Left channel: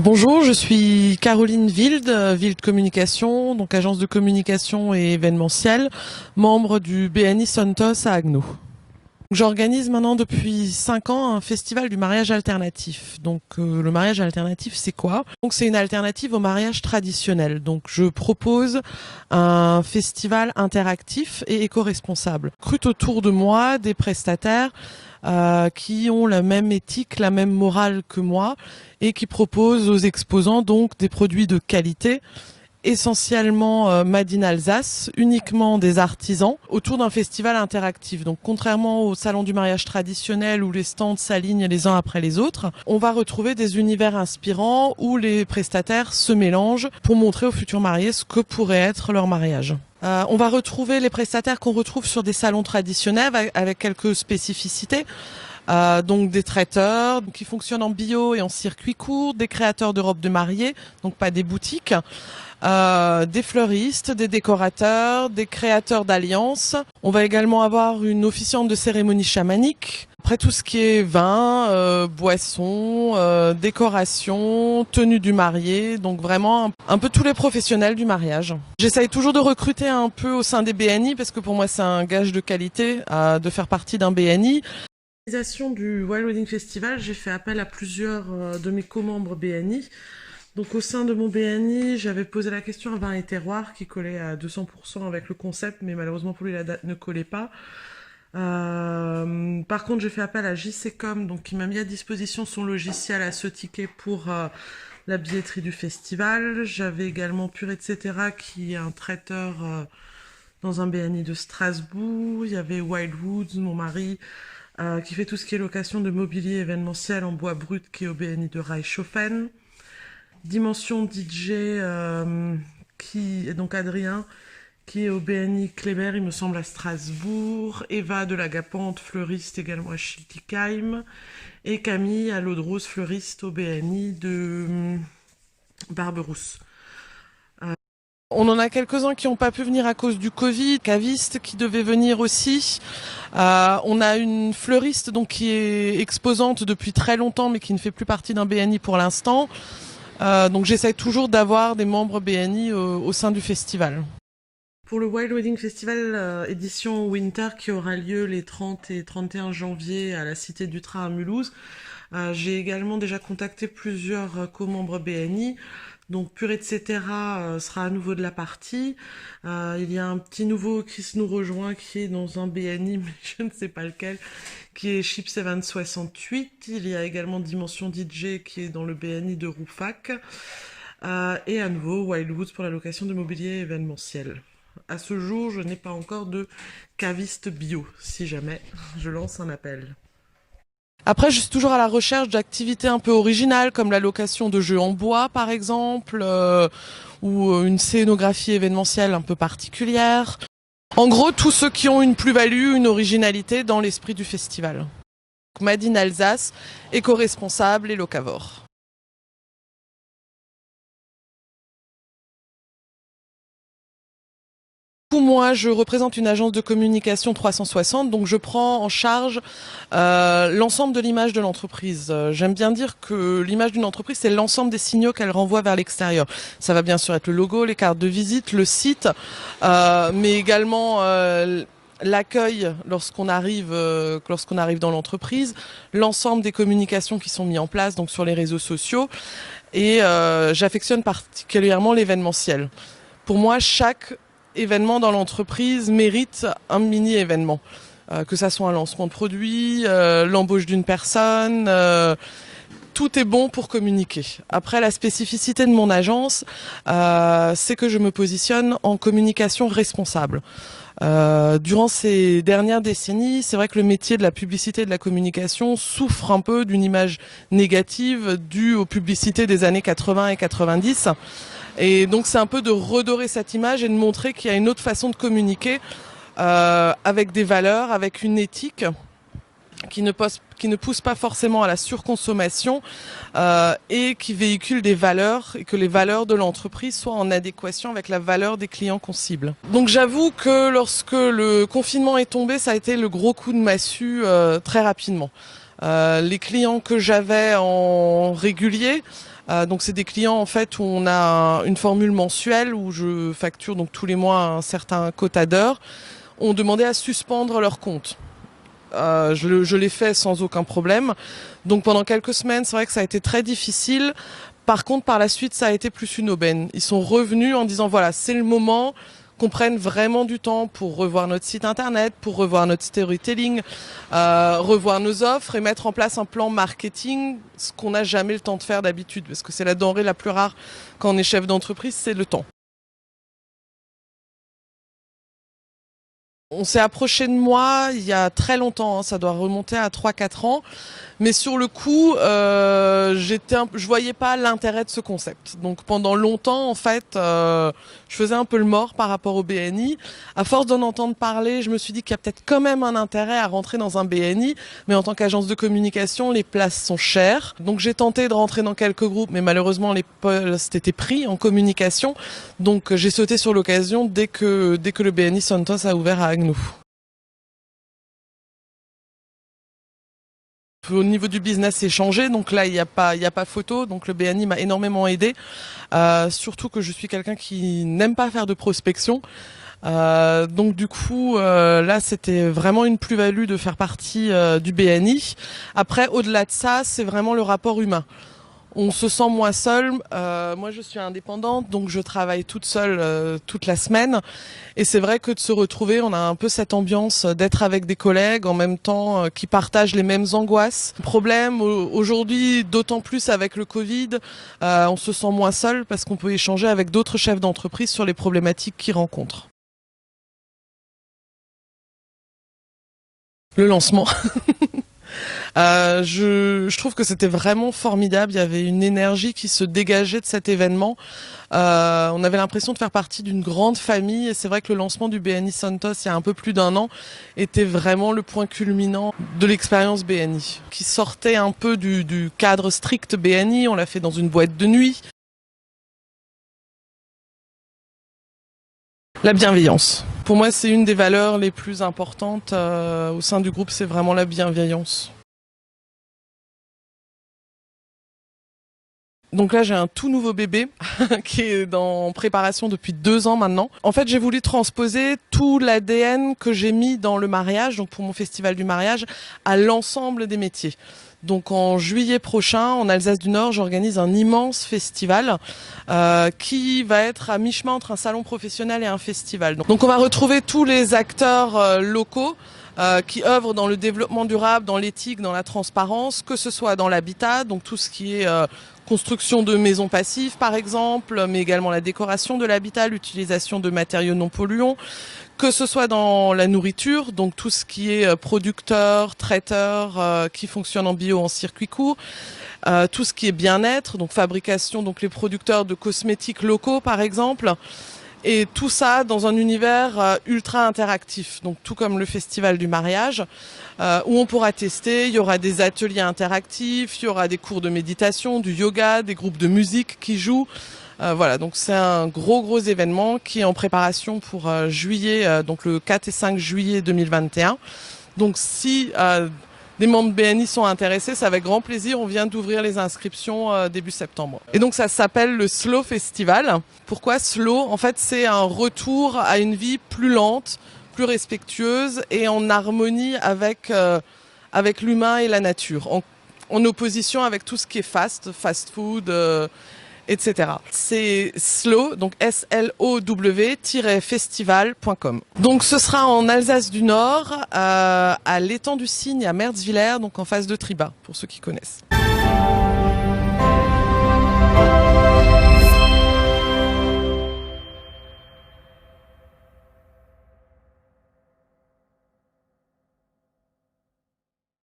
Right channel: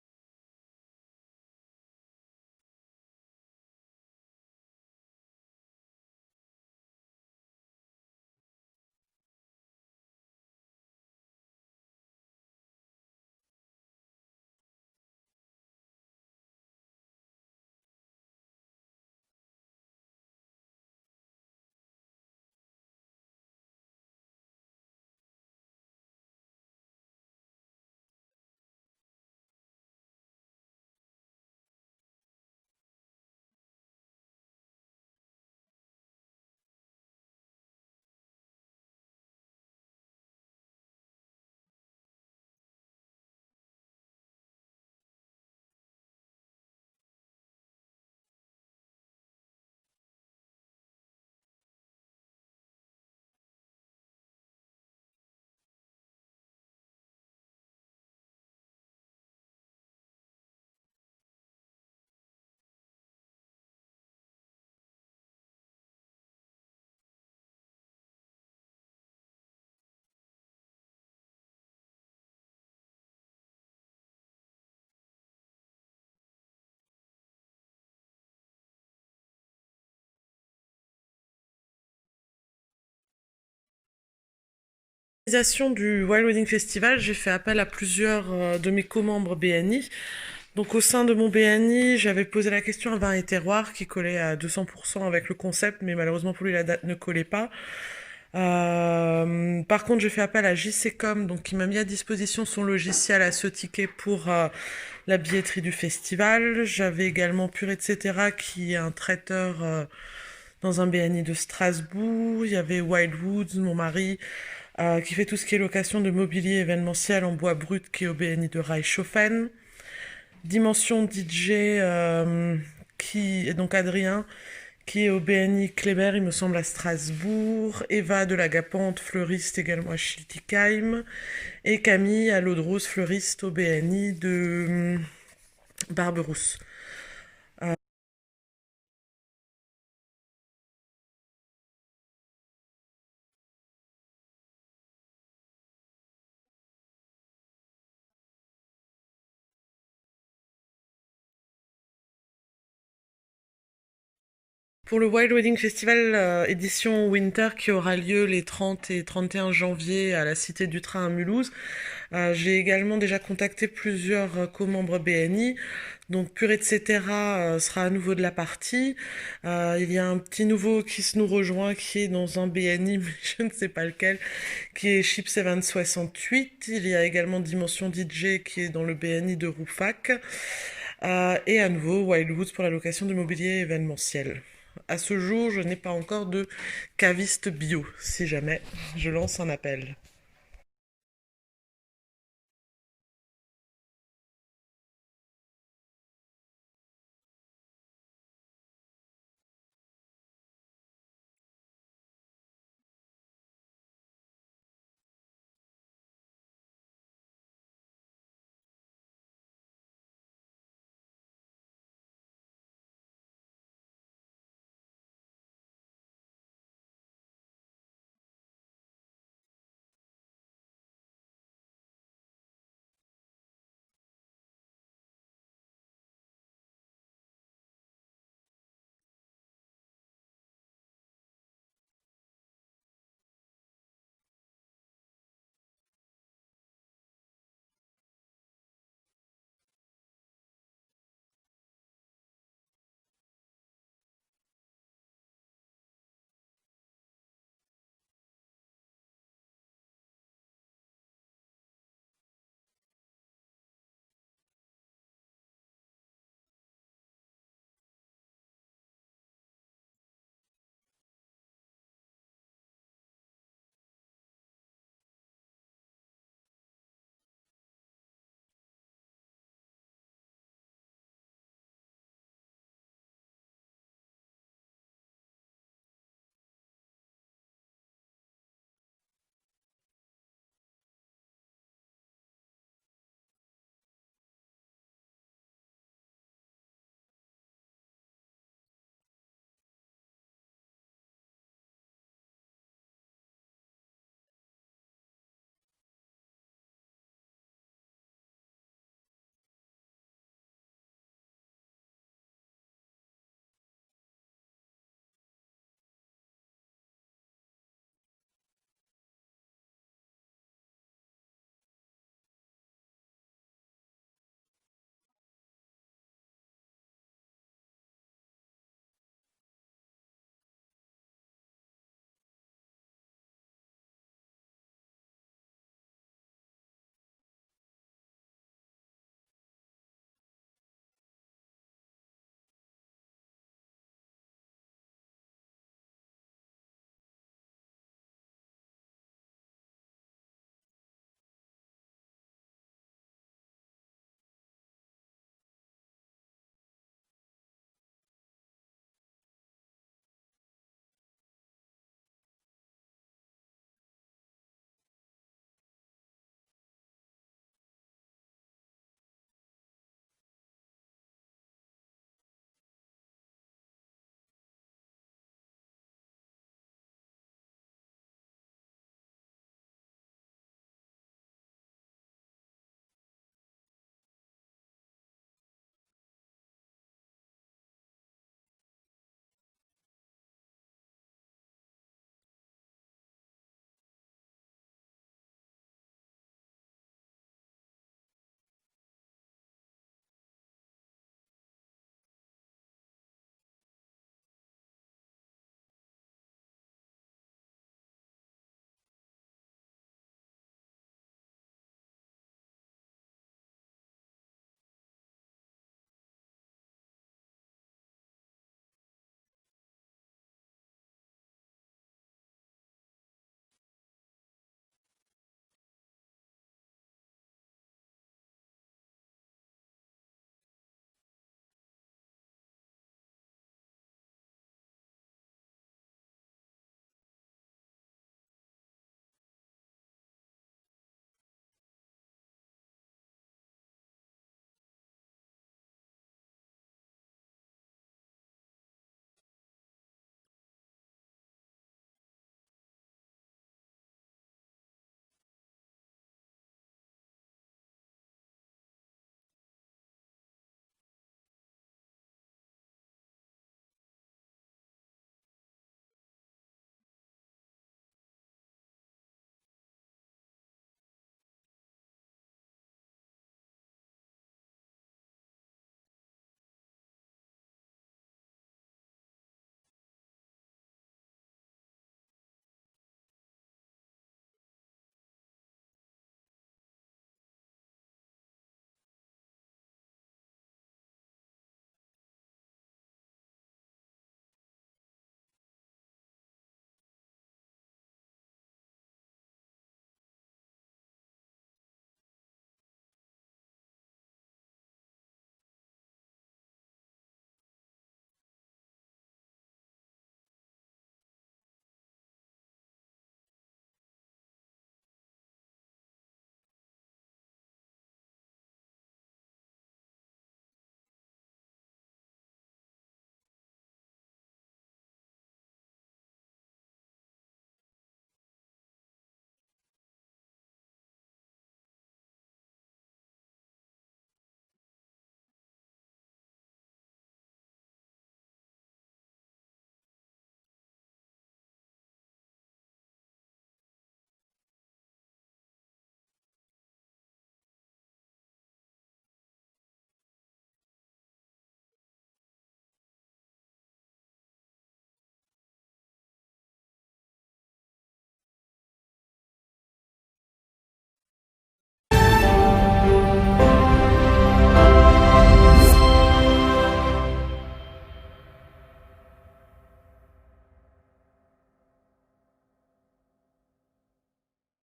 Bonjour, je suis Caroline Wild, Wild Communication, donc agence de communication et événementiel, membre du BNI Santos à Agno. J'organise maintenant depuis 5 ans un festival du mariage alternatif. Le mariage alternatif, c'est quoi? Donc c'est une alternative au mariage traditionnel. Donc je propose un festival interactif et éco-responsable. Recrute autour de moi des prestataires qui ont la même éthique, la même morale que moi et qui proposent aux exposants donc des produits de qualité, essentiellement Made in Alsace, uniquement des artisans, autour d'un festival interactif. Donc contrairement au salon du mariage traditionnel où les stands s'alignent les uns après les autres, on va retrouver des univers inspirants où les prestataires se mélangent pour montrer aux futurs mariés ce que pourrait être leur mariage. On va retrouver les prestataires qu'on retrouve sur des salons traditionnels avec quelques spécificités. Donc des traiteurs qui fonctionnent en bio et en circuit court, des créateurs de robes de mariée, donc pas des boutiques, des fleuristes, des décorateurs, des créateurs d'alliances. On va également avoir une officiante de cérémonie chamanique. Après tout ce qui est vin, boissons, décoration, tenue du marié, donc vraiment un peu tous les professionnels du mariage. J'essaye toujours de recruter un peu au sein des BNI parce que pour moi c'est un gage de qualité de faire partie d'un BNI. L'organisation du Wild Wedding Festival, j'ai fait appel à plusieurs de mes co-membres BNI. Donc au sein de mon BNI, j'avais posé la question à vin et terroir qui collait à 200% avec le concept, mais malheureusement pour lui la date ne collait pas. Par contre, j'ai fait appel à JCCom, donc qui m'a mis à disposition son logiciel à ce ticket pour la billetterie du festival. J'avais également Pure etc. qui est un traiteur dans un BNI de Strasbourg. Il y avait Wildwoods, mon mari, qui fait tout ce qui est location de mobilier événementiel en bois brut, qui est au BNI de Reichshofen. Dimension DJ, qui est donc Adrien, qui est au BNI Kléber, il me semble, à Strasbourg. Eva de la Gapante, fleuriste également à Schiltigheim. Et Camille à l'eau de rose, fleuriste au BNI de Barberousse. On en a quelques-uns qui n'ont pas pu venir à cause du Covid, caviste qui devait venir aussi. On a une fleuriste donc qui est exposante depuis très longtemps mais qui ne fait plus partie d'un BNI pour l'instant. Donc j'essaie toujours d'avoir des membres BNI au sein du festival. Pour le Wild Wedding Festival édition Winter qui aura lieu les 30 et 31 janvier à la Cité du Train à Mulhouse, j'ai également déjà contacté plusieurs co-membres BNI. Donc Pure etc. Sera à nouveau de la partie. Il y a un petit nouveau qui nous rejoint qui est dans un BNI, mais je ne sais pas lequel, qui est Chips Event 68. Il y a également Dimension DJ qui est dans le BNI de Roufac. Et à nouveau Wildwoods pour la location de mobilier événementiel. À ce jour, je n'ai pas encore de caviste bio, si jamais je lance un appel. Après, je suis toujours à la recherche d'activités un peu originales, comme la location de jeux en bois, par exemple, ou une scénographie événementielle un peu particulière. En gros, tous ceux qui ont une plus-value, une originalité dans l'esprit du festival. Made in Alsace, éco-responsable et locavore. Moi, je représente une agence de communication 360, donc je prends en charge l'ensemble de l'image de l'entreprise. J'aime bien dire que l'image d'une entreprise, c'est l'ensemble des signaux qu'elle renvoie vers l'extérieur. Ça va bien sûr être le logo, les cartes de visite, le site, mais également l'accueil lorsqu'on arrive dans l'entreprise, l'ensemble des communications qui sont mises en place donc sur les réseaux sociaux, et j'affectionne particulièrement l'événementiel. Pour moi, chaque événement dans l'entreprise mérite un mini-événement. Que ça soit un lancement de produit, l'embauche d'une personne, tout est bon pour communiquer. Après, la spécificité de mon agence, c'est que je me positionne en communication responsable. Durant ces dernières décennies, c'est vrai que le métier de la publicité et de la communication souffre un peu d'une image négative due aux publicités des années 80 et 90. Et donc c'est un peu de redorer cette image et de montrer qu'il y a une autre façon de communiquer avec des valeurs, avec une éthique qui ne pousse pas forcément à la surconsommation et qui véhicule des valeurs et que les valeurs de l'entreprise soient en adéquation avec la valeur des clients qu'on cible. Donc j'avoue que lorsque le confinement est tombé, ça a été le gros coup de massue très rapidement. Les clients que j'avais en régulier Donc c'est des clients en fait où on a une formule mensuelle où je facture donc tous les mois un certain quota d'heures. On demandait à suspendre leur compte. Je l'ai fait sans aucun problème. Donc pendant quelques semaines, c'est vrai que ça a été très difficile. Par contre, par la suite, ça a été plus une aubaine. Ils sont revenus en disant voilà, c'est le moment qu'on prenne vraiment du temps pour revoir notre site internet, pour revoir notre storytelling, revoir nos offres et mettre en place un plan marketing, ce qu'on n'a jamais le temps de faire d'habitude, parce que c'est la denrée la plus rare quand on est chef d'entreprise, c'est le temps. On s'est approché de moi il y a très longtemps, hein, ça doit remonter à 3-4 ans. Mais sur le coup, je voyais pas l'intérêt de ce concept. Donc pendant longtemps, en fait, je faisais un peu le mort par rapport au BNI. À force d'en entendre parler, je me suis dit qu'il y a peut-être quand même un intérêt à rentrer dans un BNI. Mais en tant qu'agence de communication, les places sont chères. Donc j'ai tenté de rentrer dans quelques groupes, mais malheureusement les postes étaient pris en communication. Donc j'ai sauté sur l'occasion dès que le BNI Santos a ouvert à Agnou. Au niveau du business, c'est changé, donc là, il n'y a pas photo. Donc le BNI m'a énormément aidé, surtout que je suis quelqu'un qui n'aime pas faire de prospection. Donc du coup, là, c'était vraiment une plus-value de faire partie du BNI. Après, au-delà de ça, c'est vraiment le rapport humain. On se sent moins seul. Moi, je suis indépendante, donc je travaille toute seule toute la semaine. Et c'est vrai que de se retrouver, on a un peu cette ambiance d'être avec des collègues en même temps qui partagent les mêmes angoisses. Problème aujourd'hui, d'autant plus avec le Covid, on se sent moins seul parce qu'on peut échanger avec d'autres chefs d'entreprise sur les problématiques qu'ils rencontrent. Le lancement. Je trouve que c'était vraiment formidable. Il y avait une énergie qui se dégageait de cet événement. On avait l'impression de faire partie d'une grande famille. Et c'est vrai que le lancement du BNI Santos, il y a un peu plus d'un an, était vraiment le point culminant de l'expérience BNI, qui sortait un peu du cadre strict BNI. On l'a fait dans une boîte de nuit. La bienveillance. Pour moi, c'est une des valeurs les plus importantes au sein du groupe, c'est vraiment la bienveillance. Donc là, j'ai un tout nouveau bébé qui est en préparation depuis 2 ans maintenant. En fait, j'ai voulu transposer tout l'ADN que j'ai mis dans le mariage, donc pour mon festival du mariage, à l'ensemble des métiers. Donc en juillet prochain, en Alsace du Nord, j'organise un immense festival qui va être à mi-chemin entre un salon professionnel et un festival. Donc on va retrouver tous les acteurs locaux qui œuvrent dans le développement durable, dans l'éthique, dans la transparence, que ce soit dans l'habitat, donc tout ce qui est construction de maisons passives par exemple, mais également la décoration de l'habitat, l'utilisation de matériaux non polluants, que ce soit dans la nourriture, donc tout ce qui est producteur, traiteur qui fonctionne en bio en circuit court, tout ce qui est bien-être, donc fabrication, donc les producteurs de cosmétiques locaux par exemple. Et tout ça dans un univers ultra interactif, donc tout comme le festival du mariage, où on pourra tester, il y aura des ateliers interactifs, il y aura des cours de méditation, du yoga, des groupes de musique qui jouent. Voilà, donc c'est un gros événement qui est en préparation pour juillet, donc le 4 et 5 juillet 2021. Donc si des membres BNI sont intéressés, c'est avec grand plaisir. On vient d'ouvrir les inscriptions début septembre. Et donc ça s'appelle le Slow Festival. Pourquoi Slow? En fait, c'est un retour à une vie plus lente, plus respectueuse et en harmonie avec l'humain et la nature. En opposition avec tout ce qui est fast food, etc. C'est slow, donc slow-festival.com. Donc ce sera en Alsace du Nord, à l'étang du Cygne, à Merzwiller, donc en face de Triba, pour ceux qui connaissent.